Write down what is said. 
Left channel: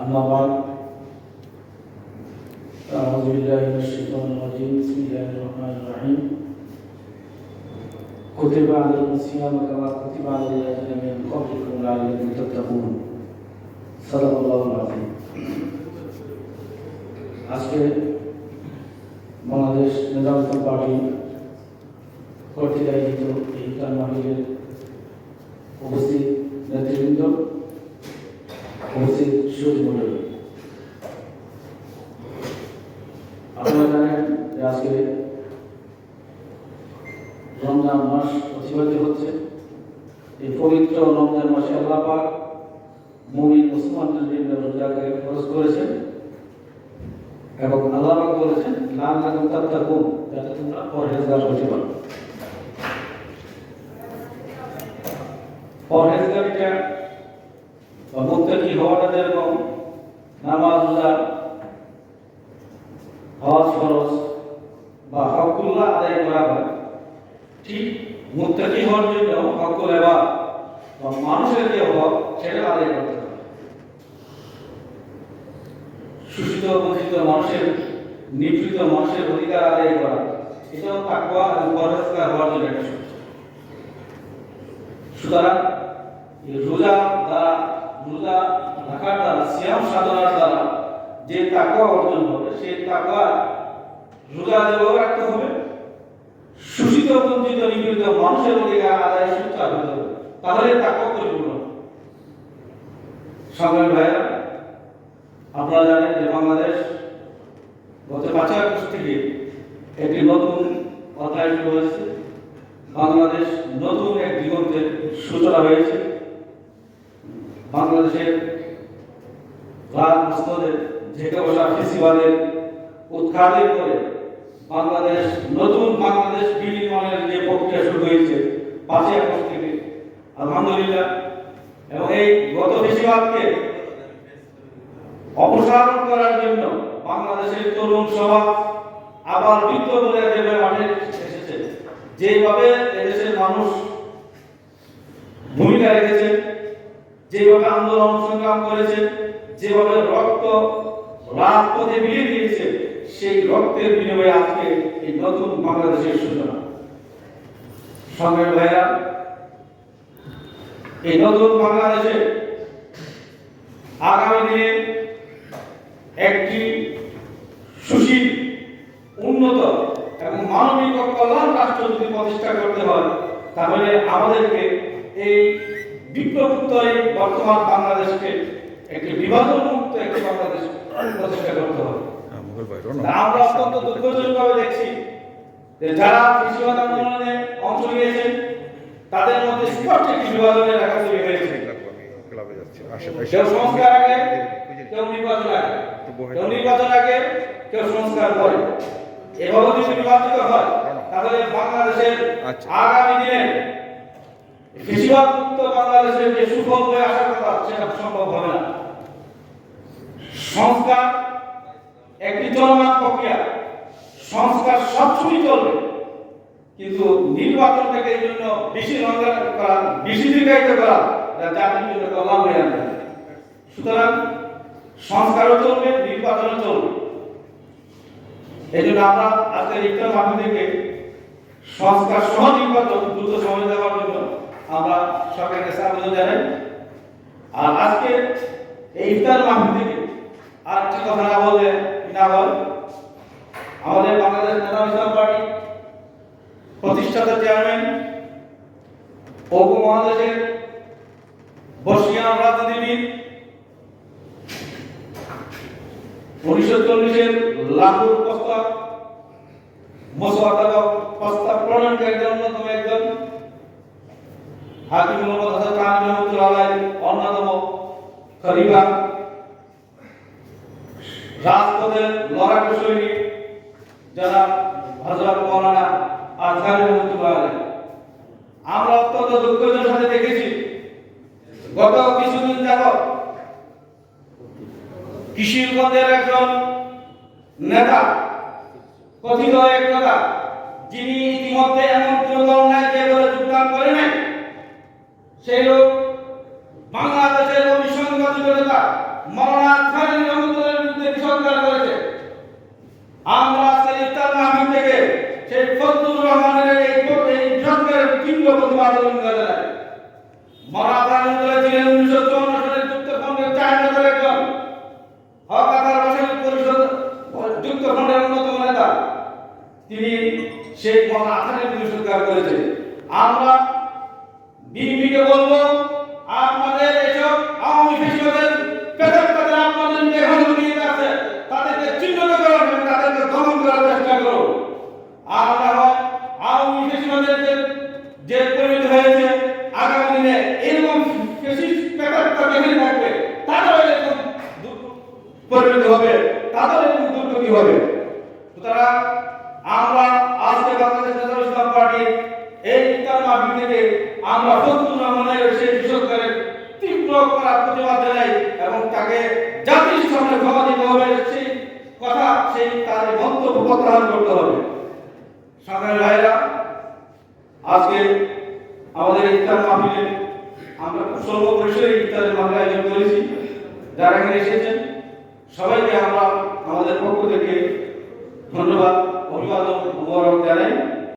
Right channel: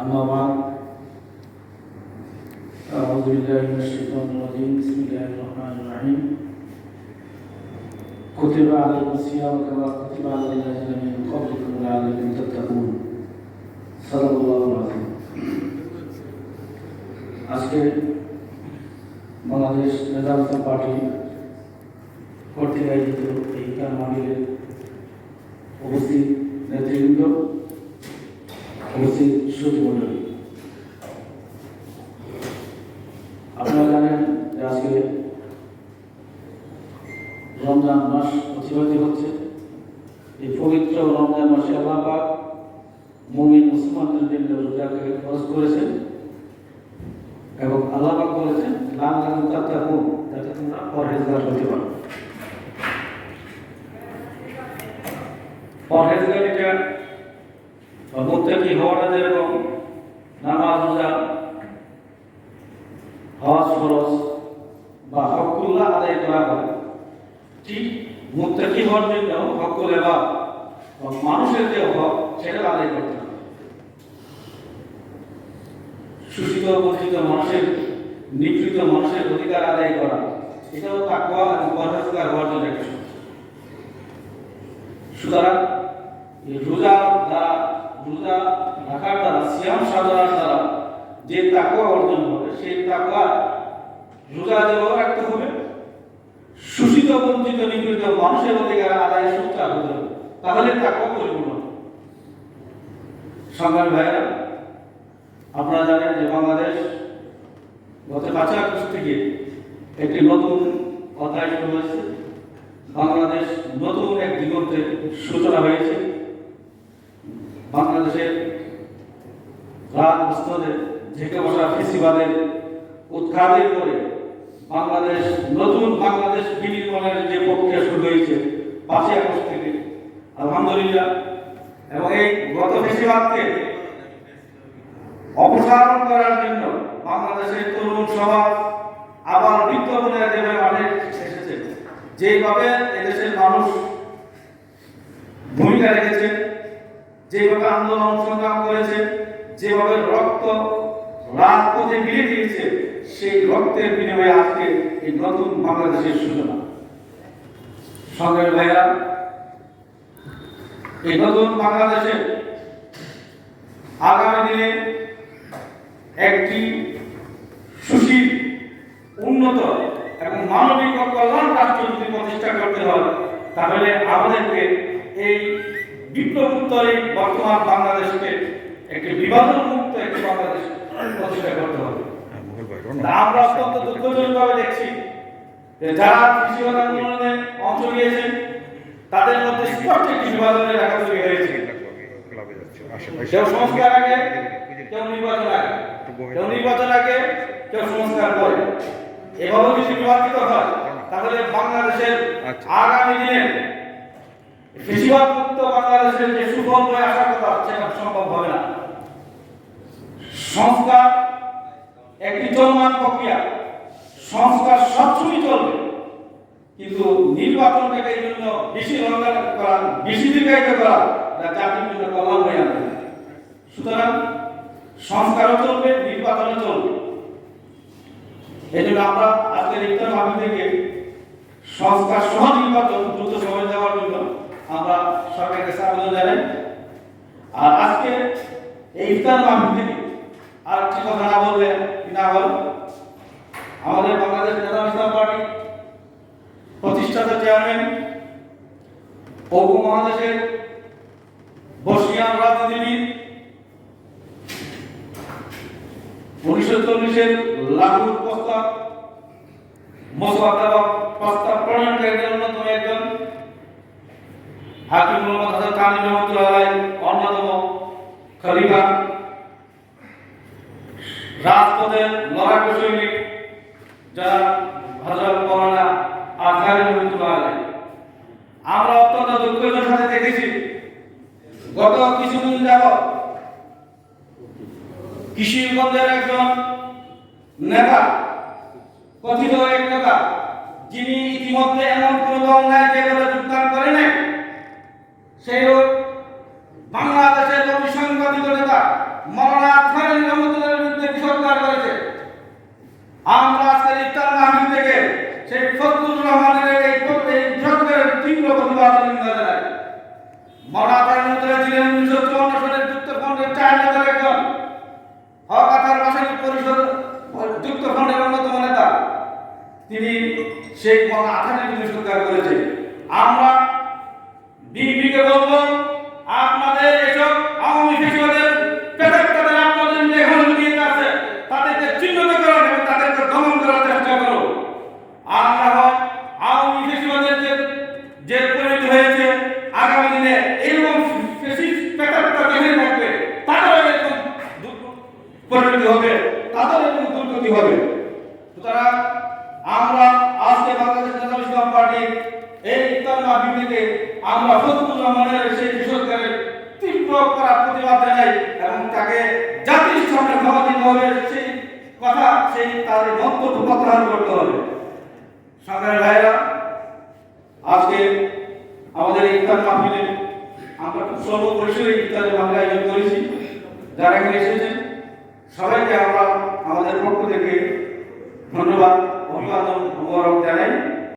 أما بعد أعوذ بالله من الشيطان الرجيم بسم الله الرحمن الرحيم كتب عليكم الصيام كما كتب على الذين من قبلكم لعلكم تتقون صدق الله العظيم আজকে বাংলাদেশ নেজামত পার্টি কর্তৃক আয়োজিত এই ইফতার মাহফিলের উপস্থিত নেতৃবৃন্দ উপস্থিত সুযোগ মন্ডলী আপনারা জানেন যে আজকে রমজান মাস অতিবাহিত হচ্ছে। এই পবিত্র রমজান মাসে আল্লাহ মুমিন মুসলমানদের জন্য রোজাকে খরচ করেছেন এবং আল্লাহ বলেছেন লাম লাম তাত্তাকু যাতে তোমরা পরহেজগার হতে পারো। পরহেজগারিটা বা হওয়াটা যেরকম নামাজ রোজা হজ, ফরজ বা হকুল্লাহ আদায় করা হয়। ঠিক মুত্তাকি হওয়ার জন্য হকুল এবার বা মানুষের যে হক, সেটা আদায় করতে হবে শোষিত বঞ্চিত মানুষের, নিপীড়িত মানুষের অধিকার আদায় করা, এটাও তাকওয়া এবং পরহেজগার হওয়ার জন্য একটা সুতরাং রোজা সাধনার দ্বারা যে তাকুয়া অর্জন হবে তাকুয়া রোজা রাখতে হবে, শোষিত, বঞ্চিত, নিপীড়িত মানুষের অধিকার আদায় হতে হবে, তাহলে তাকুয়া পরিপূর্ণ। সংগ্রামী ভাইরা আপনারা জানেন যে বাংলাদেশ গত পাঁচ আগস্ট থেকে একটি নতুন অধ্যায় শুরু হয়েছে বাংলাদেশ নতুন এক দিগন্তের সূচনা হয়েছে বাংলাদেশের রাত মস্তদে ঝেঁকে বসা ফেসিবাদের উৎখাতের করে বাংলাদেশ, নতুন বাংলাদেশ বিনির্মাণের যে প্রক্রিয়া শুরু হয়েছে, পাঁচই আগস্ট থেকে। আলহামদুলিল্লাহ। এবং এই গত ফেসিবাদকে অপসারণ করার জন্য বাংলাদেশের তরুণ সমাজ আবার বিপ্লবীরা যেভাবে মাঠে এসেছে। যেভাবে এদেশের মানুষ ভূমিকা রেখেছে যেভাবে আন্দোলন সংগ্রাম করেছে যেভাবে রক্ত রাজপথে মিলে দিয়েছে, সেই রক্তের বিনিময়ে আজকে এই নতুন বাংলাদেশের সূচনা। সঙ্গে ভাইরা এই নতুন বাংলাদেশে আগামী দিনে একটি সুশীল, উন্নত এবং মানবিক কল্যাণ রাষ্ট্র যদি প্রতিষ্ঠা করতে হয়, তাহলে আমাদেরকে এই বিপ্লবোত্তরে বর্তমান বাংলাদেশকে বিভাজন মুক্ত একটি বাংলাদেশ প্রতিষ্ঠা করতে হবে। আমরা অত্যন্ত দুঃখজনকভাবে দেখছি যে যারা কৃষি আন্দোলনে অংশ নিয়েছেন তাদের মধ্যে স্পষ্ট একটি বিভাজনের রেখা তৈরি হয়েছে। কেউ সংস্কার আগে কেউ নির্বাচন আগে। কেউ নির্বাচন আগে কেউ সংস্কার পরে। এভাবে যদি নির্বাচিত হয় তাহলে বাংলাদেশের আচ্ছা। আগামী দিনে কৃষিবাদ মুক্ত বাংলাদেশের যে সুফল হয়ে আসার কথা সেটা সম্ভব হবে না। সংস্কার একটি চলমান প্রক্রিয়া। সংস্কার সবসময় চলবে। কিন্তু নির্বাচনটাকে এই জন্য বেশি রঙান করা, বেশি দীর্ঘায়িত করা জাতির জন্য কল্যাণ হয়ে আনবে সুতরাং সংস্কারও চলবে, নির্বাচনও চলবে। এই জন্য আমরা আজকের ইফতার মাহফিল থেকে সংস্কার সহ নির্বাচন দ্রুত সময় দেওয়ার জন্য আমরা সরকারকে আবেদন জানাই। আর আজকে এই ইফতার মাহফিল থেকে আর একটি কথা না বললে না হয় আমাদের বাংলাদেশ নেতা ইসলাম পার্টি প্রতিষ্ঠাতা চেয়ারম্যান উপমহাদেশের বর্ষিয়ান রাজনীতিবিদ উনিশশো চল্লিশের লাহোর প্রস্তাব মোসাদ্দা প্রস্তাব প্রণয়নকারীদের অন্যতম একজন হাকিম মোহাম্মদ হাসান কামি রহমতুল্লাহ অন্যতম খলিফা রাজপথের লড়াকু সৈনিক যারা হজরত মৌলানা। আমরা অত্যন্ত দুঃখের সাথে দেখেছি, গত কিছুদিন যাবত কিশোরগঞ্জের একজন নেতা, কথিত এক নেতা যিনি ইতিমধ্যে এমন কোন বলে যোগদান করে নাই সেই লোক বাংলাদেশের অভিসংবাদিত নেতা মাওলানা আজহারি রহমতুল্লাহের বিরুদ্ধে বিষোদ্গার করেছে আমরা ইফতার মাহফিল থেকে সেই ফজলুর রহমানের এই এই বিষোদ্গারের তীব্র প্রতিবাদ জানাই। রহমতুল্লাহ ছিলেন উনিশশো চুয়ান্ন সালের যুক্তফ্রন্টের চার নেতার একজন। হক পরিষদ, যুক্তফ্রন্টের অন্যতম নেতা। তিনি সেই মাওলানা আজহারির বিষোদ্গার করেছেন। আমরা তাদের দুর্গতি হবে। সুতরাং আমরা আজকে বাংলাদেশ ন্যাশনাল ইসলাম পার্টির এই ইফতার মাহফিল আমরা ফজলুর রহমানের সেই বিষয়কের তীব্র করার প্রতিবাদ জানাই এবং তাকে জাতির সামনে ক্ষমা দিতে হবে সেই কথা, সেই তার মন্তব্য প্রত্যাহার করতে হবে। সরকারি ভাইয়েরা, আজকে আমাদের ইফতার মাহফিলে আমরা খুব স্বল্প পরিসরে ইফতারের মাহফিল আয়োজন করেছি। যারা এখানে এসেছেন, সবাইকে আমাদের পক্ষ থেকে ধন্যবাদ অভিবাদন উপহার জানাই।